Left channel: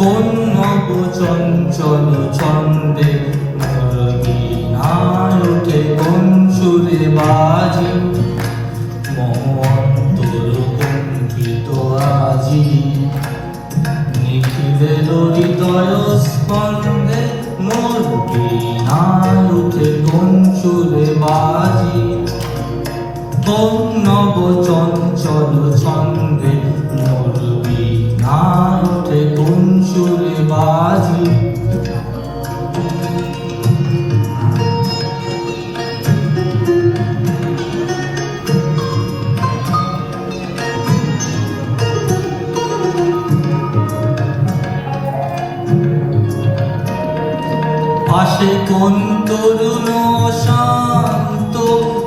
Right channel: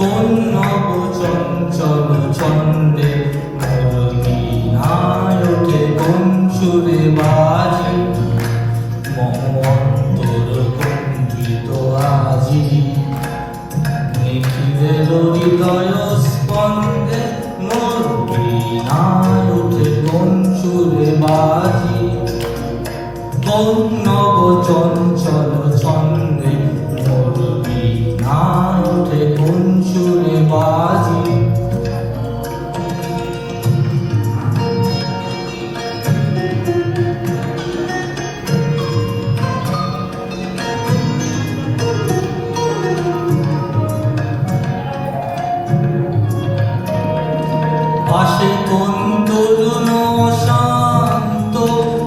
কোন নব চঞ্চল ছন্দে মোর বীণায় ওঠে কোন সুরে বাজি মম অন্তর কম্পিত আজি নিখিলের হৃদয় স্পন্দে মোর বীণায় ওঠে কোন সুরে বাজি কোন নব চঞ্চল ছন্দে মোর বীণায় ওঠে কোন সুরে বাজি পাশে কোন তরুণ শান্ত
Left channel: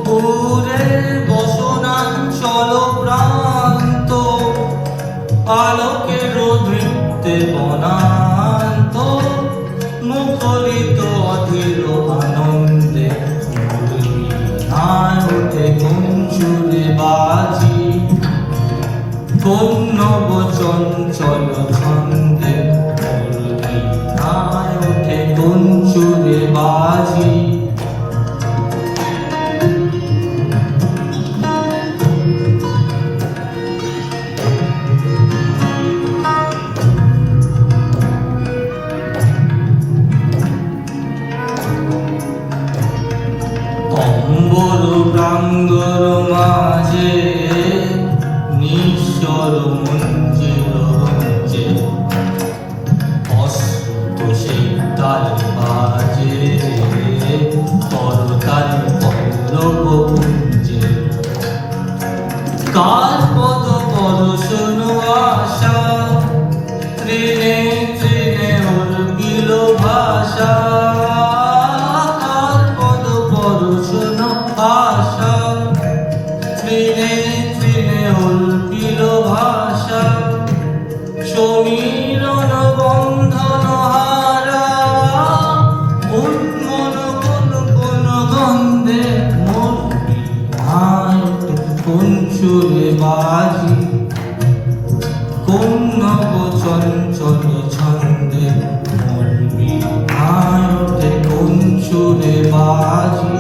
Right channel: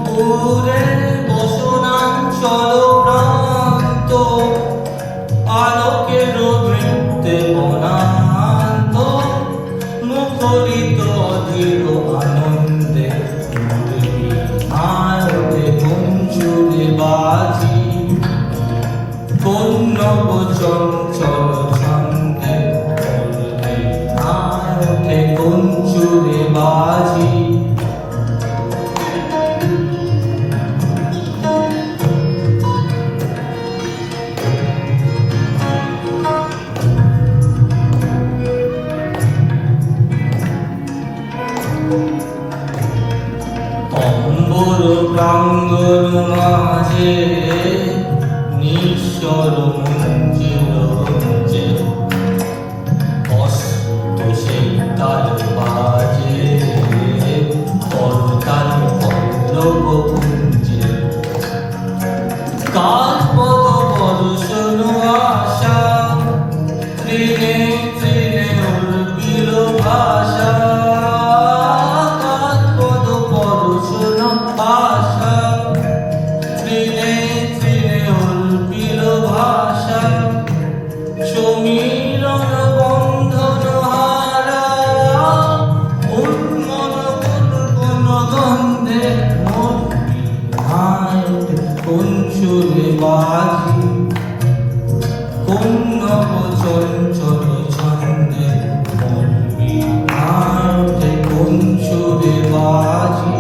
পুরে বসনাঞ্চল প্রান্ত আলোকের বৃত্তে বনান্ত মুখরিত অধীর আনন্দে মোর বীণায় ওঠে কোন সুরে বাজি কোন নব চঞ্চল ছন্দে মোর বীণায় ওঠে কোন সুরে বাজি অম্বর প্রাঙ্গণ মাঝে নিঃস্বর মঞ্জির রঞ্জে অস্ত সেই তাল বাজে করতাল পল্লব পুঞ্জে কাল পদ বরষণ আশা তৃণে তৃণে উর্বিল ভাষা কাল পদ বরষণ আশা তৃণে তৃণে উর্বিল ভাষা সমীরণ বন্ধন হারা উন্মন কোন কোন গন্ধে মোর বীণায় ওঠে কোন সুরে বাজি কোন নব চঞ্চল ছন্দে মোর বীণায় ওঠে কোন সুরে বাজি।